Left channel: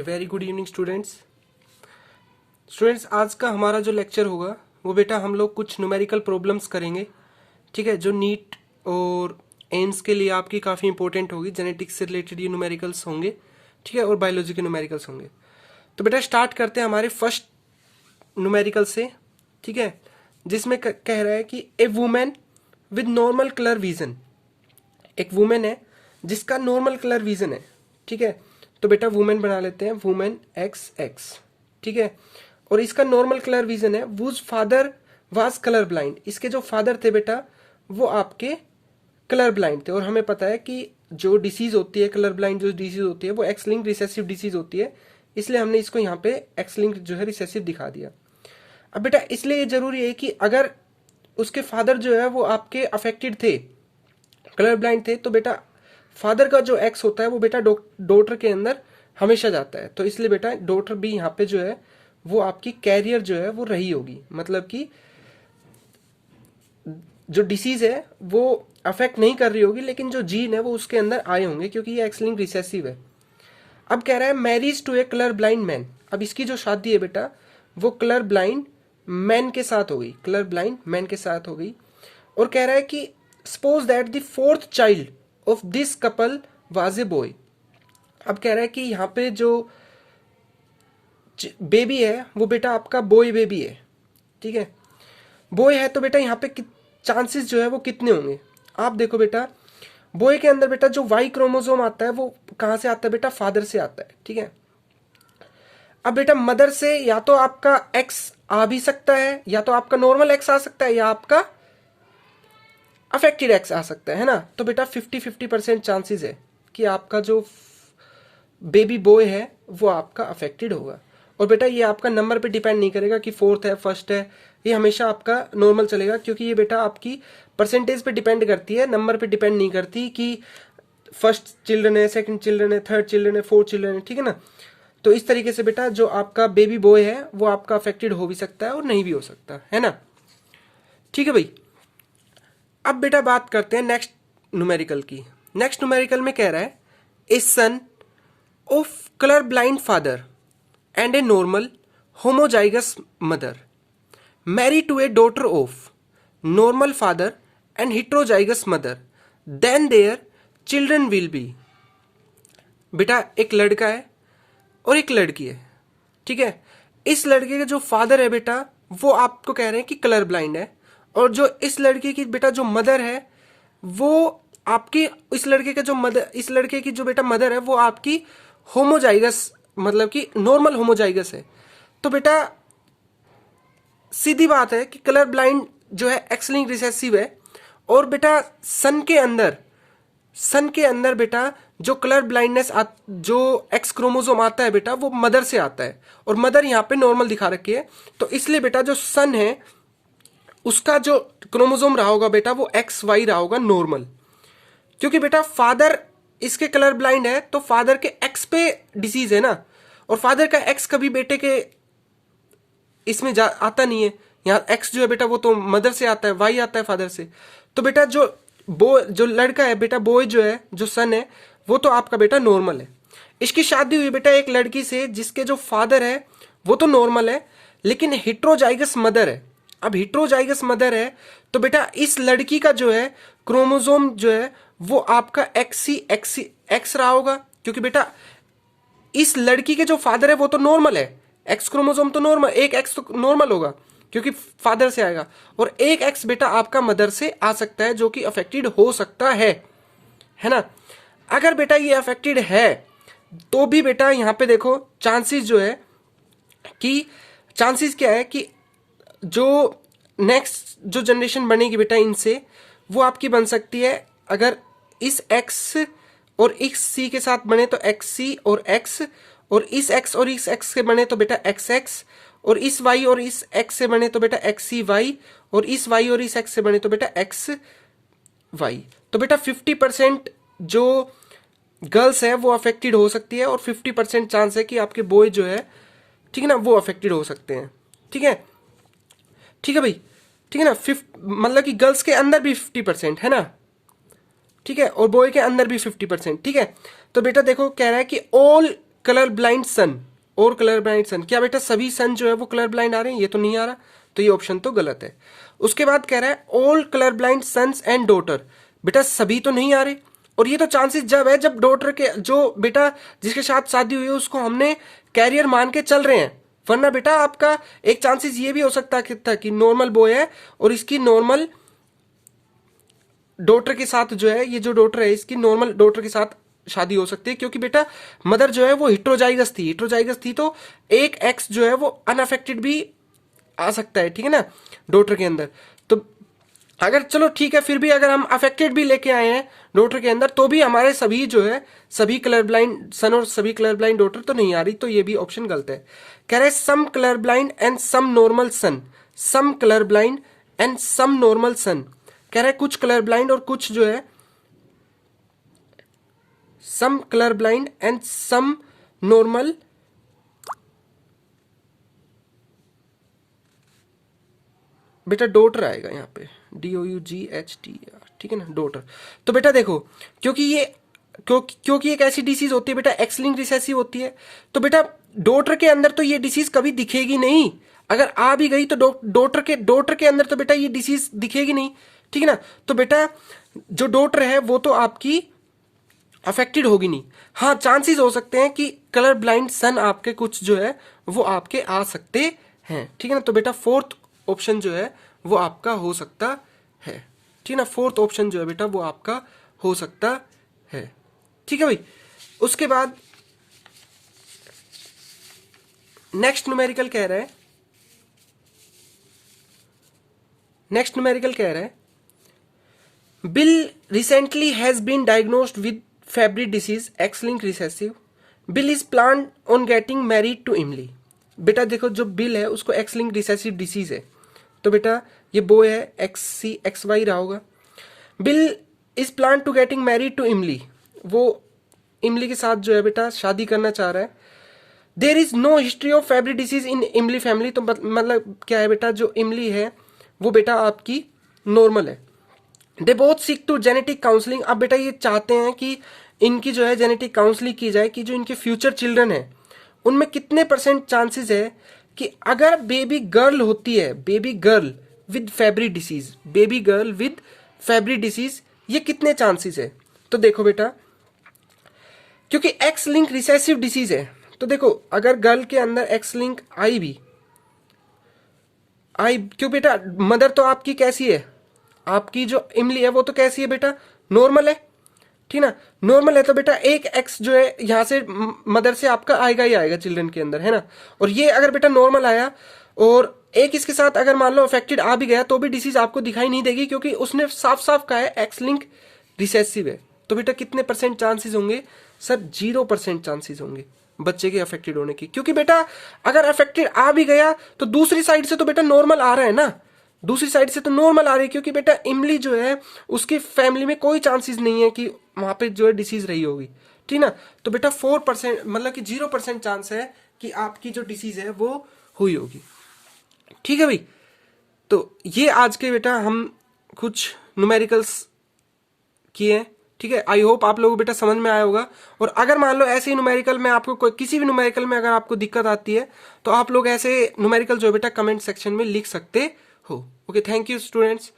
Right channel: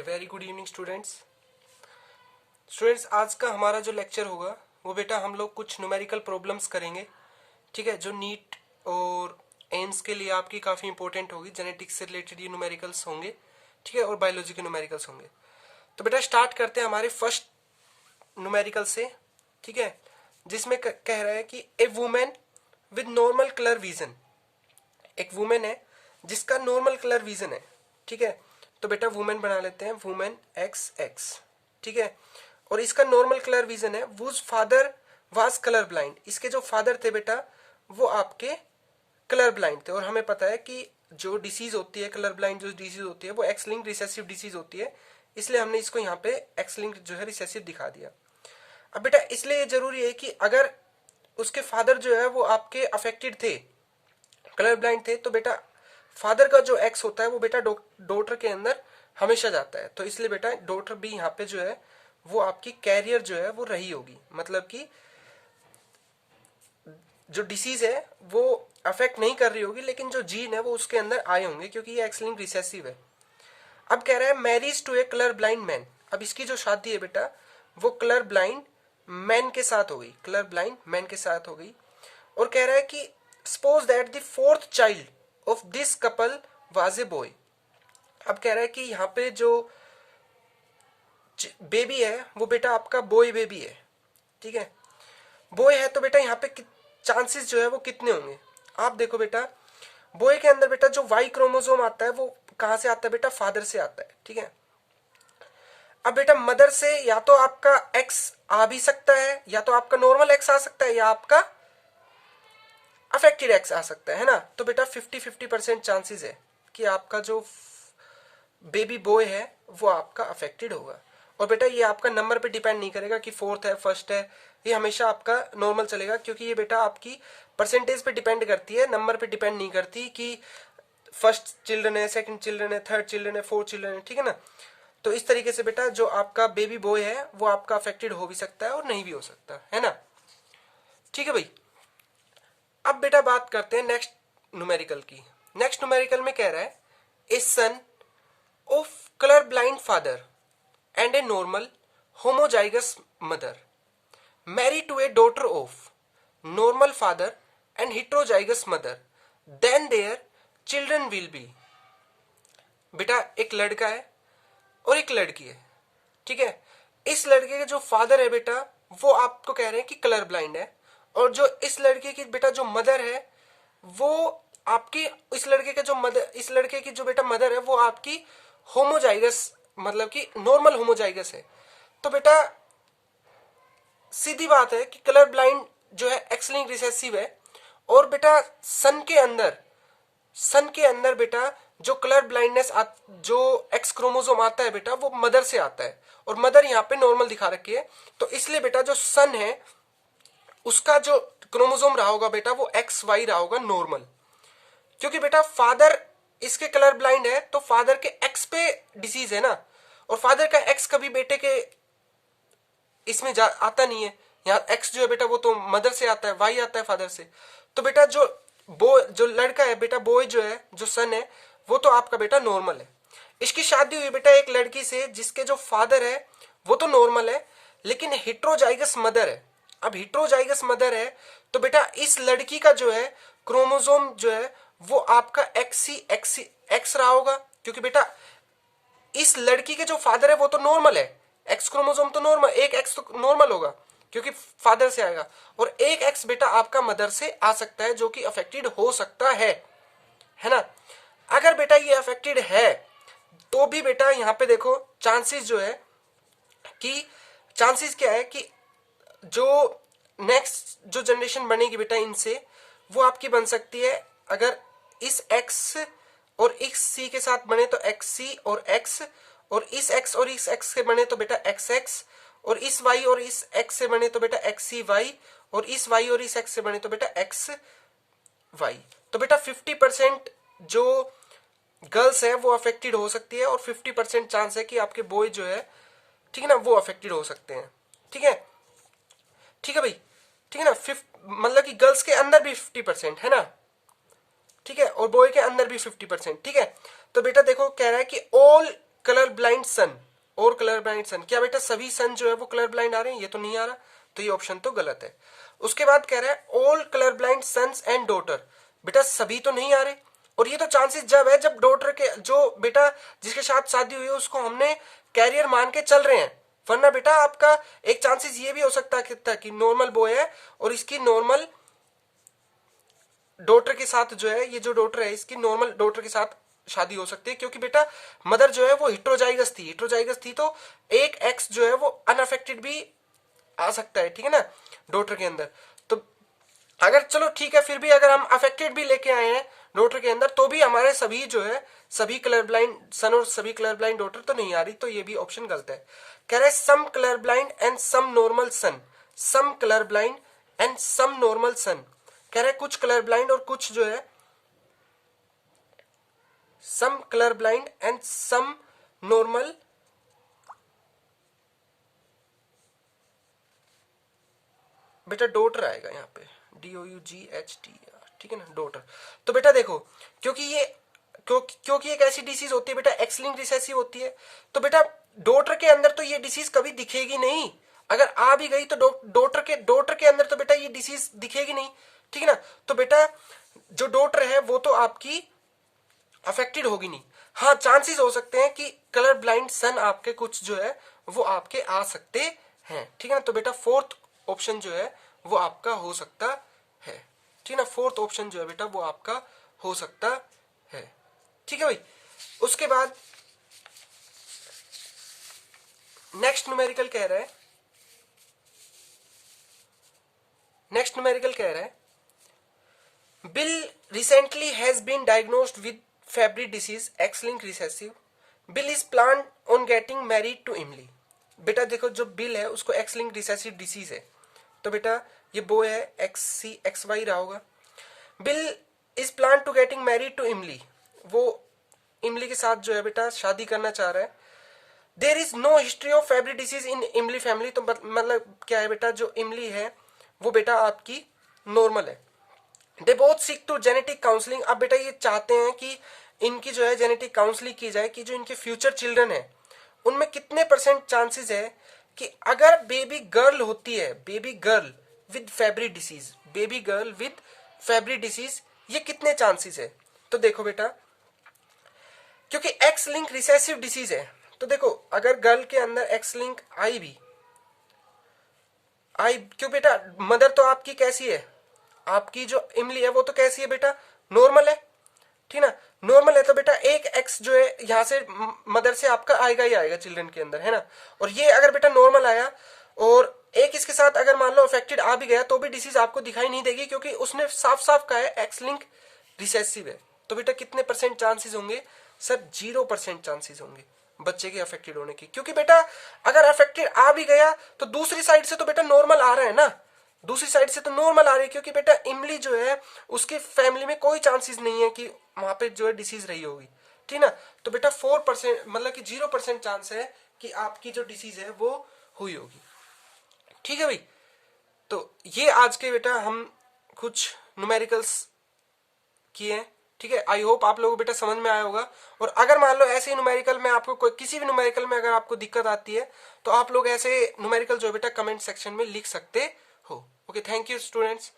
Very good evening students आज का हमारा जो लेक्चर होगा वो बेटा हम लोग कुछ न्यूमेरिकल प्रॉब्लम्स करेंगे। ठीक है, जो नीट और एम्स के लिए आपकी काफ़ी इंपॉर्टेंट होगी। जेनेटिक्स से रिलेटेड ये न्यूमेरिकल्स होंगे, ठीक है, और बायोलॉजी के न्यूमेरिकल्स होंगे। तो बेटा स्टार्ट करते हैं हमारे फर्स्ट न्यूमेरिकल से, ठीक है, जिसमें कह रहा है कि a woman with normal colour vision. एक वुमेन है जिसका नॉर्मल कलर विजन है, ठीक है। तो बेटा वुमेन बना लेते हैं, वुमेन एक्स एक्स, ठीक है। और इसका नॉर्मल कलर विजन है। Was father was colour blind. इसके जो फादर थे बेटा वो आपके कलर ब्लाइंड थे। और हमें पता है कि जो डिसीज होती है, कलर ब्लाइंड जो डिसीज होती है वो एक्स लिंक्ड रिसेसिव डिसीज होती है, इसलिए हमने इसको यहाँ पे एक्स लिंक्ड जो है रिसेसिव दिखा दिया। अब बेटा इसलिए ये जरूरी है कि अगर उसके फादर जो है वो आपके अफेक्टेड थे, कलर ब्लाइंड थे, तो बेटा फादर का जो एक्स होता है वो बेटा डॉटर के अंदर हमेशा जाता है। तो इसलिए बेटा डॉटर भी यहाँ पे जो है वो आपकी कैरियर जो है वो रही होगी, मतलब कि जो डिसीज है वो अफेक्ट नहीं कर रही होगी, लेकिन जो जीन है वो उसके अंदर आए होंगे, क्योंकि ये एक्स लिंक्ड रिसेसिव है। अब कह रहा है marriage to a colour blind man. अब इसकी जो शादी है बेटा वो कलर ब्लाइंड मैन के साथ हो गई, कलर ब्लाइंड मैन के साथ हो गई। और कह रहा है कि suppose that the fourth child of this couple was a boy. अब कह रहा है कि यहाँ पे जो बेबी है वो बेटा आपका बॉय बेबी है, ठीक है। बॉय है तो बेटा यहाँ पे चांसेस जो है वो कितने होंगे। आप देखो बेटा बॉय के अंदर बेटा जो वाई क्रोमोसोम आता है वो कहाँ से आता है बेटा, फादर से आता है, ठीक है। अब बेटा मदर से या तो आपका एक्स आ भी सकता है, या तो आपका नॉर्मल एक्स आ सकता है, या आपका अफेक्टेड एक्स आ सकता है ना। तो बेटा 50-50% चांसेस है कि आपका जो बेबी बॉय है वो आपका अफेक्टेड होगा। और बेटा ये आपका नंबर पे डिपेंड नहीं करेगा कि फोर्थ है फर्स्ट है, ये हमेशा आपका नॉर्मल चलेगा, क्योंकि ये बेटा आपकी परसेंटेज पे डिपेंड करती है, नंबर पे डिपेंड नहीं करती कि फर्स्ट चिल्ड्रन है, सेकंड चिल्ड्रन है, थर्ड चिल्ड्रन है, फोर्थ चिल्ड्रन है, ठीक है ना। तो इस तरीके से बेटा जो आपका बेबी बॉय है वो आपका अफेक्टेड हो भी सकता है और नहीं भी हो सकता है ना, ठीक है भाई। अब बेटा बात करते हैं नेक्स्ट न्यूमेरिकल की। नेक्स्ट न्यूमेरिकल में कह रहा है a son of colour blind father and a normal homozygous mother marry to a daughter of normal father and heterozygous mother, then their children will be. बेटा एक लड़का है और एक लड़की है, ठीक है। इस लड़के के जो फादर है बेटा वो आपको कह रहे हैं कि कलर ब्लाइंड है, और जो इस लड़के की बेटा जो मदर है वो आपकी इस लड़के की जो बेटा मदर है वो आपकी होमोजाइगस, मतलब कि नॉर्मल होमोजाइगस है। तो बेटा सीधी बात है कि कलर ब्लाइंड जो है एक्स लिंक्ड रिसेसिव है। और बेटा सन के अंदर बेटा जो कलर ब्लाइंडनेस जो एक्स क्रोमोसोम आता है बेटा वो मदर से आता है, और मदर यहाँ पे नॉर्मल दिखा रखी है। तो इसलिए बेटा जो सन है उसका जो क्रोमोसोम रहा होगा बेटा वो एक्स वाई रहा होगा नॉर्मल, क्योंकि बेटा फादर इसके कलर ब्लाइंड है तो फादर के एक्स पे डिसीज है ना, और फादर का एक्स कभी बेटे के इसमें आता नहीं है। यहाँ एक्स जो है बेटा वो तो मदर से आता है, वाई आता है फादर से। तो बेटा जो लड़का है बेटा बॉय जो है, जो सन है, वो तो आपका बेटा नॉर्मल है। इसकी शादी हुई बेटा एक लड़की से जिसके जो फादर है वो तो नॉर्मल है, लेकिन हिट्रोजाइगस मदर है। अब हिट्रोजाइगस मदर है तो बेटा इस लड़की का जो है क्रोमोसोम जो है वो आपका एक्स रहा होगा, क्योंकि बेटा इस लड़की के जो फादर है वो तो नॉर्मल है, एक्स क्रोमोसोम तो नॉर्मल, एक एक्स तो नॉर्मल होगा क्योंकि फादर से आएगा, और एक एक्स बेटा आपका मदर से आ सकता है जो कि अफेक्टेड हो सकता है ना। अगर बेटा ये अफेक्टेड है तो भी बेटा यहाँ पे देखो चांसेस जो है कि चांसेस क्या है कि जो नेक्स्ट जो जनरेशन बनेगी बेटा इनसे वो आपकी बन सकती है, अगर इस एक्स और इस सी के साथ बने तो एक्स सी और एक्स, और इस एक्स और इस एक्स से बने तो बेटा एक्स एक्स, और इस वाई और इस एक्स से बने तो बेटा एक्स सी वाई, और इस वाई और इस एक्स से बने तो बेटा एक्स वाई। तो बेटा 50% जो गर्ल्स है वो अफेक्टेड हो सकती है, और 50% चांस है कि आपके बॉय जो है, ठीक है ना, वो अफेक्टेड हो सकते हैं, ठीक है, ठीक है भाई, ठीक है ना। मतलब कि गर्ल्स के अंदर भी 50% है ना, ठीक है, और बॉय के अंदर भी 50%, ठीक है। तो बेटा देखो कह रहा है कि ऑल कलर ब्लाइंड सन, और कलर ब्लाइंड सन, क्या बेटा सभी सन जो है वो कलर ब्लाइंड आ रहे हैं? ये तो नहीं आ रहा, तो ये ऑप्शन तो गलत है। उसके बाद कह रहा है all colour blind sons and daughter, बेटा सभी तो नहीं आ रहे, और ये तो चांसेस जब है जब डॉटर के जो बेटा जिसके साथ शादी हुई है उसको हमने कैरियर मान के चल रहे हैं, वरना बेटा आपका एक चांसेस ये भी हो सकता था कि नॉर्मल बॉय है और इसकी नॉर्मल डॉटर के साथ जो है, ये जो डॉटर है इसकी नॉर्मल डॉटर के साथ शादी हो सकती है, क्योंकि बेटा मदर जो है वो हिट्रोजाइगस थी, हिट्रोजाइगस थी तो एक एक्स जो है वो अनअफेक्टेड भी आ सकता है, ठीक है ना, डॉटर के अंदर। तो अगर चलो ठीक है, फिर भी अगर हम अफेक्टेड भी लेके आए हैं डॉटर के अंदर, तो भी हमारे सभी जो है सभी कलर ब्लाइंड सन और सभी कलर ब्लाइंड डॉटर तो नहीं आ रही, तो ये भी ऑप्शन गलत है। कह रहे some colour blind and some normal son, some colour blind and some normal son, कह रहे कुछ कलर ब्लाइंड और कुछ जो है some colour blind and some normal, बेटा डॉटर आएगा यहाँ पे, DOUGHTR, ठीक है ना, डॉटर। तो बेटा देखो, क्योंकि एक ऐसी डिसीज होती है बेटा एक्स लिंक्ड रिसेसिव होती है, तो बेटा डॉटर के अंदर तो ये डिसीज कभी दिखेगी नहीं, अगर आ भी गई तो डॉटर के अंदर तो बेटा ये डिसीज दिखेगी नहीं, ठीक है ना। तो बेटा जो डॉटर है वो तो आपकी अफेक्टेड होगी नहीं, हाँ चांसेस हो सकते हैं कि कलर ब्लाइंड सन आपके कुछ जो है वो आपके आ सकते हैं, ठीक है ना। तो बेटा फोर्थ ऑप्शन जो है वो आपका हो सकता है, ठीक है ना, फोर्थ ऑप्शन जो है बेटा वो आपका हो सकता है, ठीक है भाई। उसके बाद नेक्स्ट न्यूमेरिकल कह रहा है, नेक्स्ट न्यूमेरिकल कह रहा है Bill recently has been diagnosed with Fabry disease, X-linked recessive. Bill is planned on getting married to Emily. बेटा देखो जो बिल है उसको X-linked recessive disease है, तो बेटा ये बॉय है, XY रहा होगा। Bill is plan to getting married to Emily, वो इमली के साथ जो है बेटा शादी करना चाह रहा है। There is no history of Fabry disease in Emily family, तो मतलब क्या है बेटा जो इमली है वो बेटा आपकी नॉर्मल है। They both seek to genetic counselling, अब बेटा ये चाहते हैं कि इनकी जो है जेनेटिक काउंसलिंग की जाए कि जो इनके फ्यूचर चिल्ड्रन है उनमें कितने % चांसेस है कि अगर बेबी गर्ल होती है, baby girl with Fabry disease, baby girl with Fabry disease, ये कितने चांसेस है। तो देखो बेटा क्योंकि एक्स लिंक रिसेसिव डिसीज है, तो देखो अगर गर्ल के अंदर एक्स लिंक आई क्यों बेटा, मदर तो आपकी कैसी है, आपकी जो इमली है वो तो कैसी है बेटा, नॉर्मल है, ठीक ना, नॉर्मल है, तो बेटा एक एक्स जो है यहां से मदर से आपका आएगा ही आएगा चिल्ड्रन के अंदर, है ना। और ये अगर बेटा नॉर्मल आया और एक इसके साथ अगर मान लो अफेक्टेड आ भी गया तो भी डिसीज आपको दिखाई नहीं देगी, क्योंकि उसने साफ साफ कहा है एक्स लिंक रिसेसिव है। तो बेटा कितने % चांसेस होंगे सर, 0% चांसेस होंगे बच्चे के अफेक्टेड होने की, क्योंकि बेटा अगर अफेक्टेड आ भी गया तो दूसरी साइड से तो बेटा नॉर्मल आ रहा है ना, दूसरी साइड से तो नॉर्मल आ रही है, क्योंकि बेटा इमली जो है उसकी फैमिली में कोई चांसेस नहीं है कि वहां पे जो है डिसीज रही होगी, ठीक ना। तो बेटा 4% मतलब कि 0% चांस है कि आपकी जो डिसीज है वो हुई होगी, ठीक है भाई। तो ये आज के बेटा हम कुछ न्यूमेरिकल्स किए, ठीक है। आई होप आप लोगों को बेटा समझ में आया होगा, और अगर मान लो ऐसे ही न्यूमेरिकल में आपको कोई किसी भी न्यूमेरिकल में अगर आपको दिक्कत आती है तो आप लोग ऐसे न्यूमेरिकल जो बेटा कमेंट सेक्शन में लिख सकते हो। Okay, thank you students.